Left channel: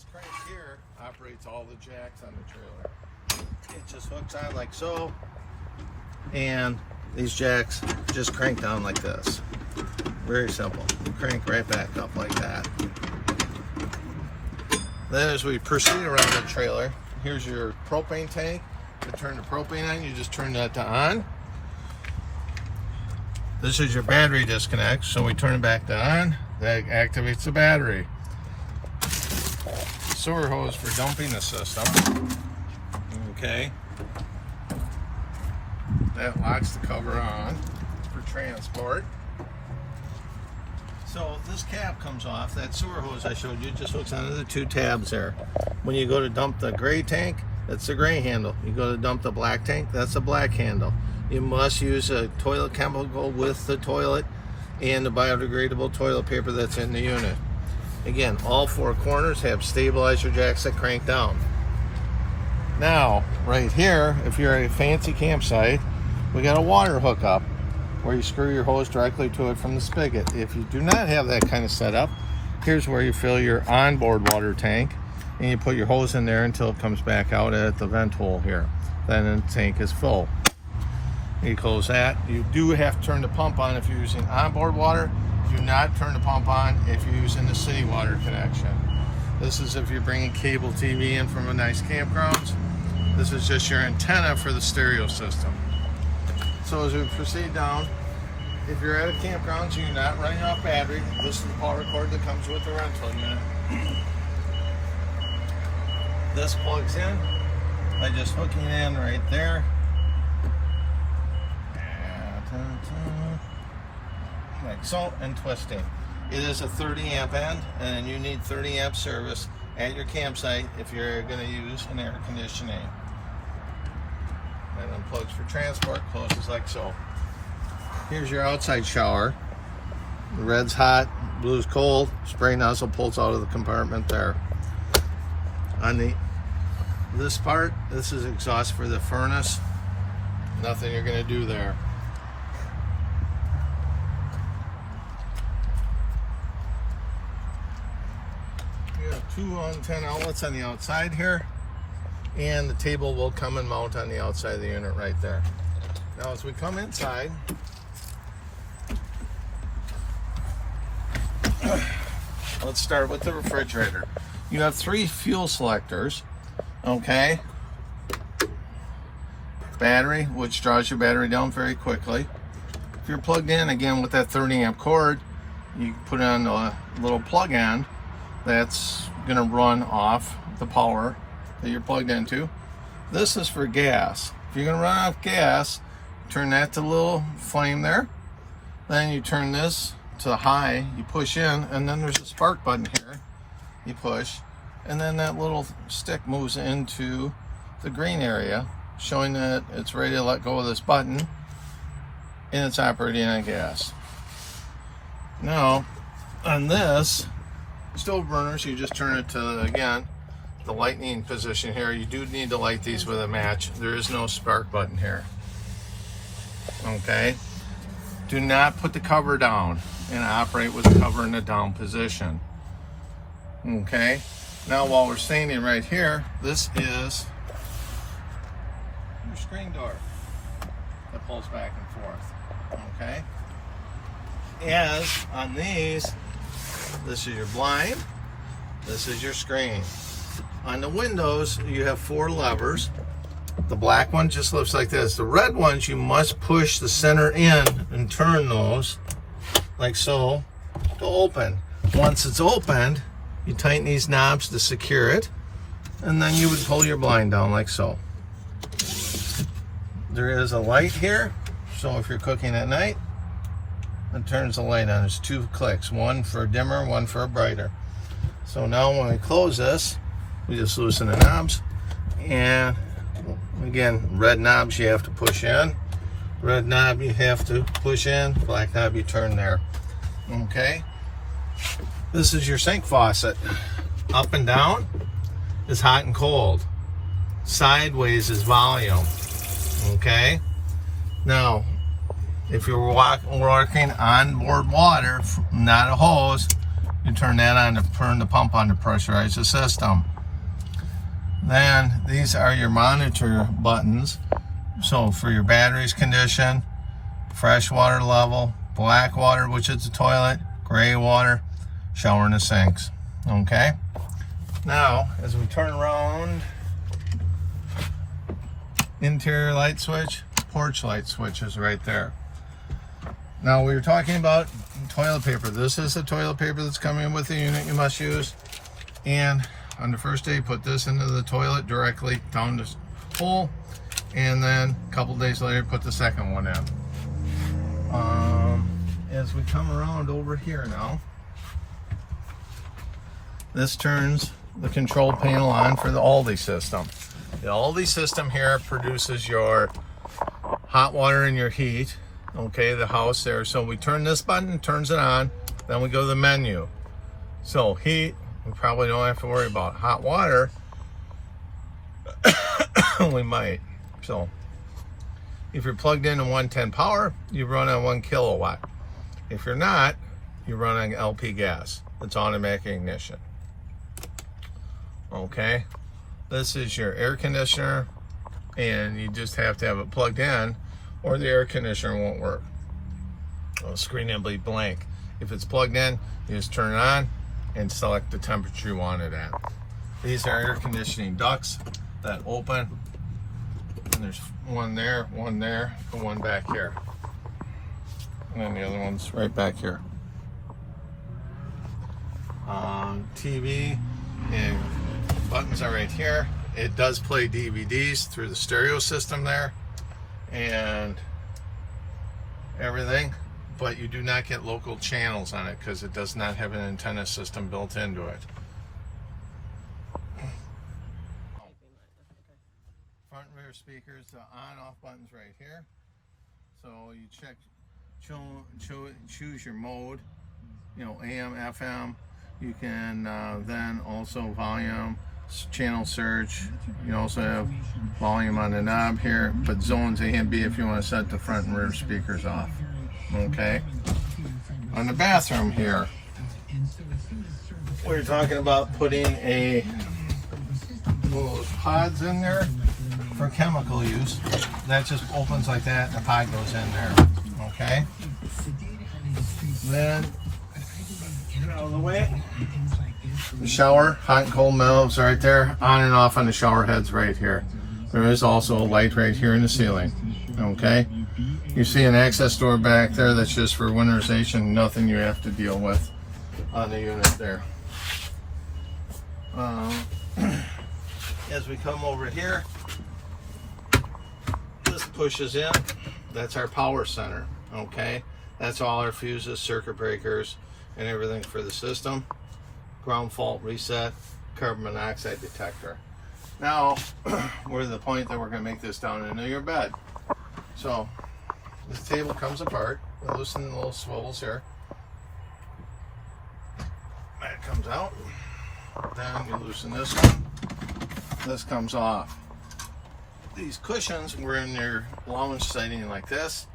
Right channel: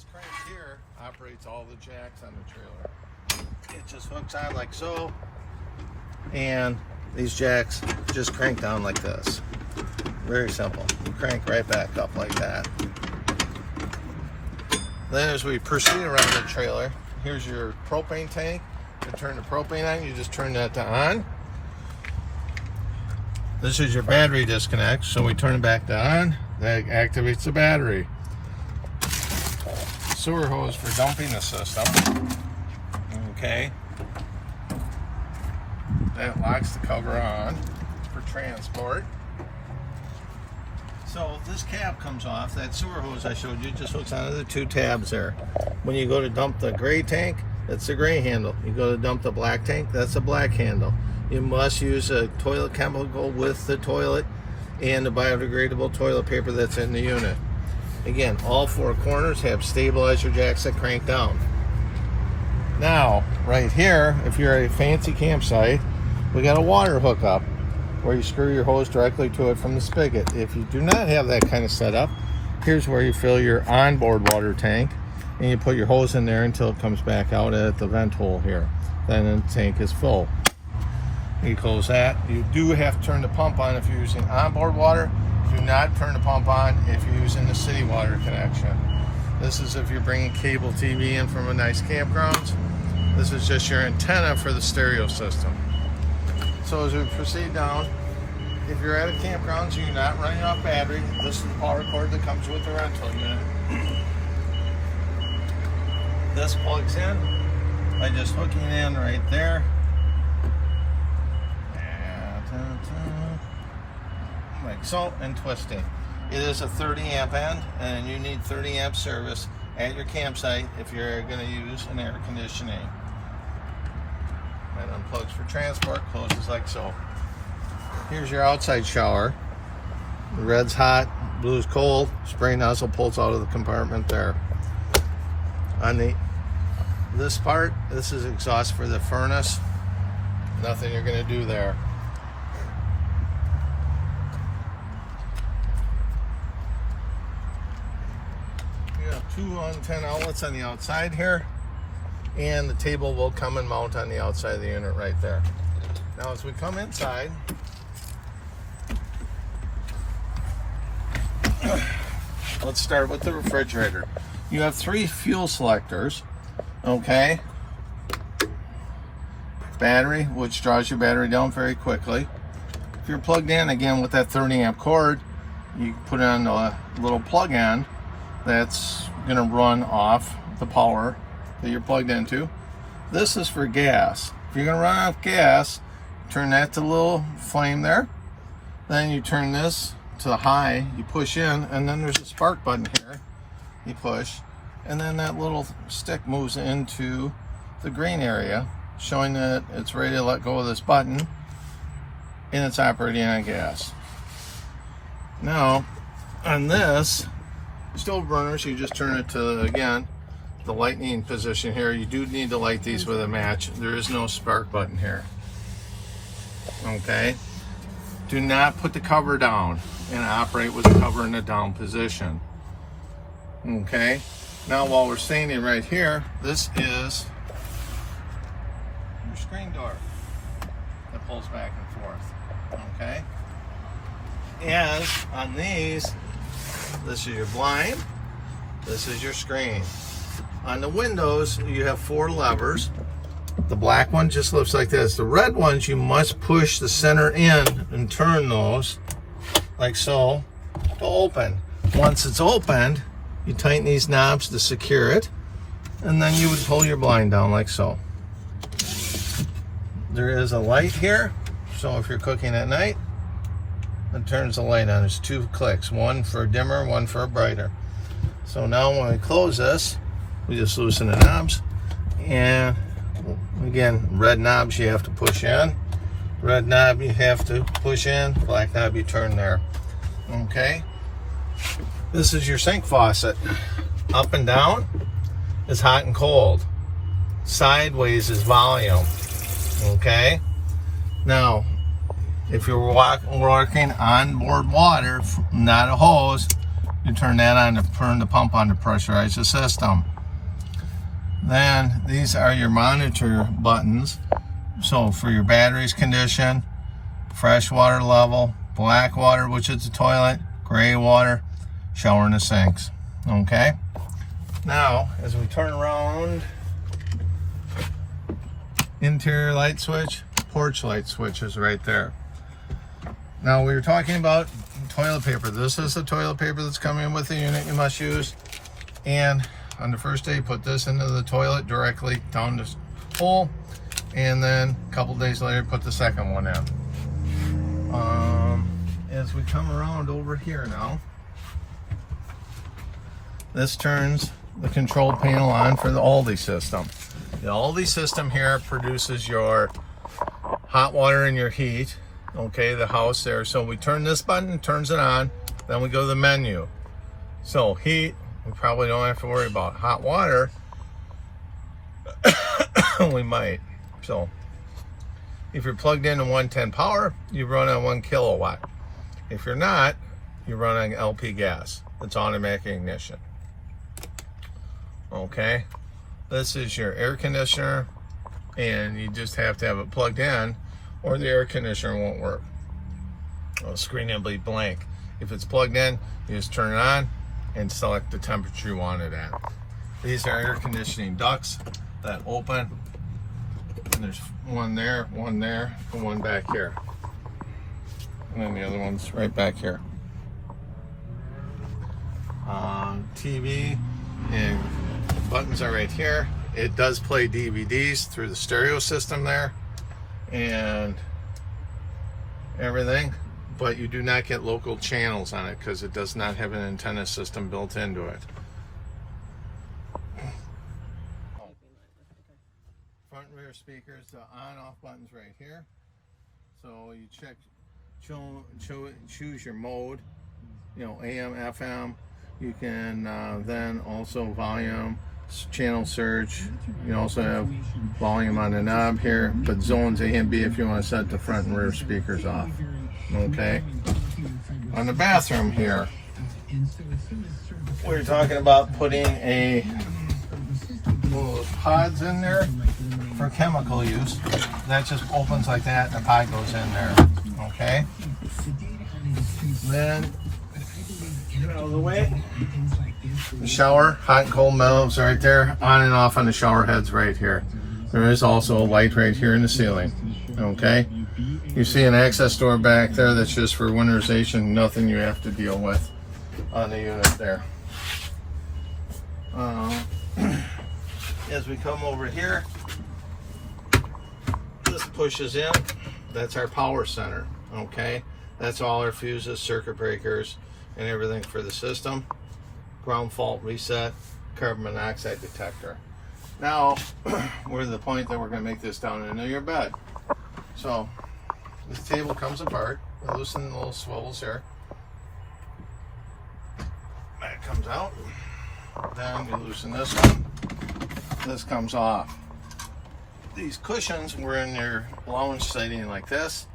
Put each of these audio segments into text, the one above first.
This crank here operates all the jacks on the trailer. It just hooks on like so, and these jacks just crank down like this. Very simple. Crank right back up like that. Then as we proceed around the trailer, here's your propane tank. To turn the propane on, you just turn that to on. This is your battery disconnect, so we turn it back to on. That activates the battery. Sewer hose for dumping the system. Okay. That locks the cover on for transport. So this cap comes off. That sewer hose I showed you just hooks onto the two tabs there. When you go to dump the gray tank, that's the gray handle. You go to dump the black tank, that's the black handle. You must use a toilet chemical with the toilet and the biodegradable toilet paper that's in the unit. Again, all four corners have stabilizer jacks that crank down. Now, right here, if you're at a fancy campsite, we got a water hookup where you screw your hose directly to it from the spigot. If you do not have that kind of setup, here's where you fill your onboard water tank and you put your hose in there until it comes back out at the vent hole here. Then the tank is full. You close that. You do have to turn the pump on if you're using onboard water. Do not turn the pump on if you're using the city water connection. This is if you're bringing cable TV in from a nice campgrounds. This is just your antenna for the stereo system. So as we proceed down, if you're at a campground, so you're not running off battery, this is the power cord that comes with the rental unit. This plugs in by just hooking in right there. Like so, and twisting. It is a 30 amp end, and you need 30 amp service at your campsite if you're going to use an air conditioning. And unplugs for transport, closes like so. Here's your outside shower. The red's hot, blue's cold. Spray nozzle pulls out of the compartment there. On this part, this is exhaust for the furnace. Nothing you're going to do there. You have two antenna outlets on the outside here, and the table will come and mount on the outside of the unit right there. Now as we come inside, let's start with the refrigerator. You have three fuel selectors, okay? Battery, which draws your battery down very quickly. If you're plugged in, again, with that 30 amp cord, you put on a little plug end that's gonna run off the power that you're plugged into. This is for gas. If you're gonna run off gas, turn that to the little flame there. Then you turn this to high, you push in, and then there's a spark button here. You push, and then that little stick moves into the green area, showing that it's ready to let go of this button, and it's operating on gas. Now, on this stove burner, so you just turn it to, again, the lightning position here. You do need to light these with a match. There is no spark button here. Okay? Do not put the cover down and operate with the cover in the down position. Okay? Now while we're standing right here, this is your screen door that pulls back and forth. Okay? And on these, this is your blind, this is your screen. On the windows, you have four levers. The black one just looks like this. The red ones, you must push the center in and turn those like so to open. Once it's opened, you tighten these knobs to secure it, and then you would pull your blind down like so. There is a light here, so if you're cooking at night, it turns the light on. There's two clicks, one for dimmer, one for brighter. So now when we close this, we just loosen the knobs, and again, red knobs you have to push in, red knob you have to push in, black knob you turn there. Okay, this is your sink faucet. Up and down is hot and cold, sideways is volume. Okay, now if you're working on board water, not a hose, You turn that on to turn the pump on to pressurize the system. Then these are your monitor buttons. So for your batteries condition, fresh water level, black water, which is the toilet, gray water, shower and the sinks. Okay? Now, as we turn around, interior light switch, porch light switch is right there. Now we were talking about toilet paper. This is the toilet paper that's coming with the unit you must use. And on the first day, put this into the toilet directly down this hole. And then a couple days later, put the second one in. As we come around over here now, this turns the control panel on for the Aldi system. The Aldi system here produces your hot water and your heat. Okay, the house there. So we turn this button, turns it on, then we go to the menu. So heat, we probably don't have to worry about. Hot water, we might. So if you're plugged in 110 power, you run on 1 kilowatt. If you're not, you run on LP gas. It's automatic ignition. Okay, this is your air conditioner, and you just have to have it plugged in or the air conditioner won't work. The screen will be blank. If it's plugged in, you just turn it on and select the temperature you want it at. These are air conditioning ducts that open. There's one there, and one back here. And then the other one's right back here. TV and buttons are right here. It does play DVDs through the stereo system there and everything, but you do not get local channels on it because it does not have an antenna system built into it. Front and rear speakers, the on-off buttons right here. So you choose your mode, you know, AM, FM. You can then also volume, channel search. You also have volume on the knob here, but zones A and B if you want to set the front and rear speakers off. Okay. On the bathroom here, we're talking about putting a little pods in there for chemical use. That just opens like that, and the pod goes in there. Okay. Then get out of the way. The shower, hot and cold valves right there, on and off on the shower heads right here. There is also a light right here in the ceiling. Okay. You see an access door back there that's just for winterization, nothing you have to deal with on the unit there. As we come over here, this pushes in. That's our power center. Okay. That's all our fuses, circuit breakers, and everything for the system. Ground fault reset, carbon monoxide detector. Now, we're to the point that we're going to make this down into your bed. So, this table comes apart. Loosen the little swivels here. That comes out. Then we loosen this one. This comes off. These cushions were in your lounge seating like this.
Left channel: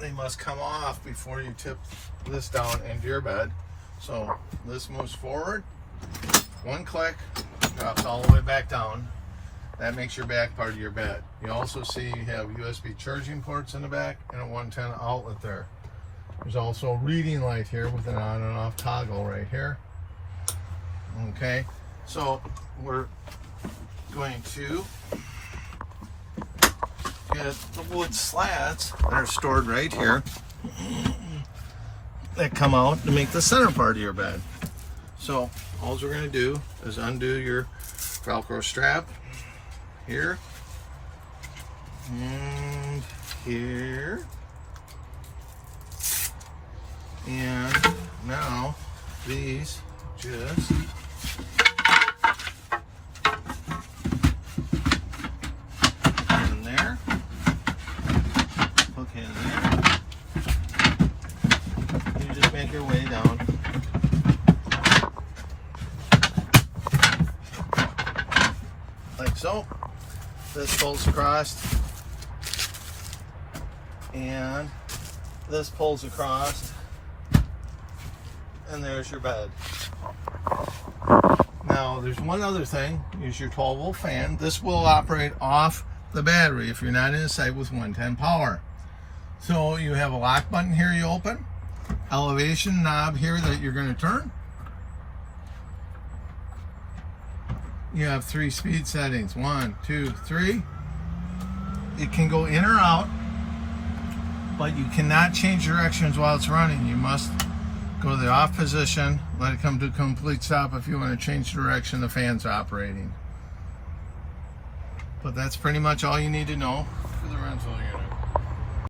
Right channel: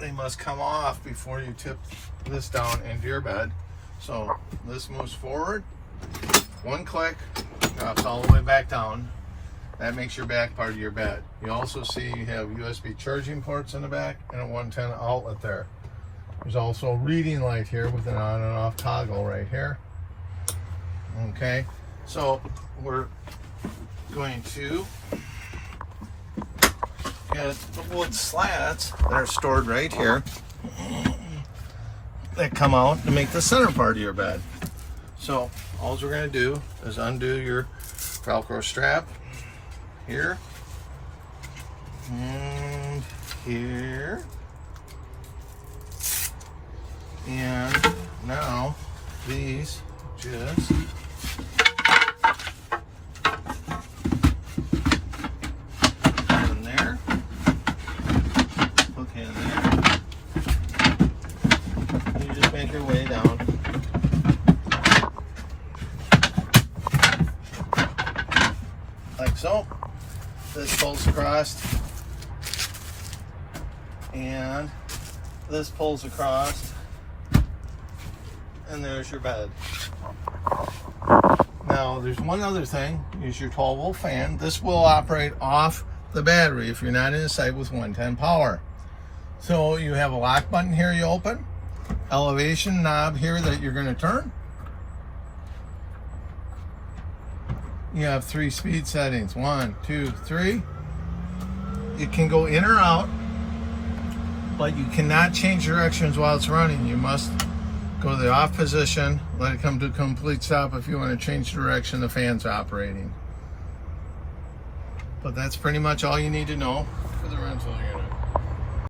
They must come off before you tip this down into your bed. So this moves forward, one click, drops all the way back down. That makes your back part of your bed. You also see you have USB charging ports in the back and a 110 outlet there. There's also a reading light here with an on and off toggle right here. Okay, so we're going to get the wood slats that are stored right here that come out to make the center part of your bed. So all we're going to do is undo your Velcro strap here and here, and now these just in there, okay, in there. You just make your way down. Like so. This pulls across, and this pulls across, and there's your bed. Now, there's one other thing, is your 12-volt fan. This will operate off the battery if you're not in a site with 110 power. So you have a lock button here you open, elevation knob here that you're going to turn. You have 3 speed settings, 1, 2, 3. You can go in or out, but you cannot change directions while it's running. You must go to the off position, let it come to a complete stop if you want to change direction the fan's operating. But that's pretty much all you need to know for the rental unit.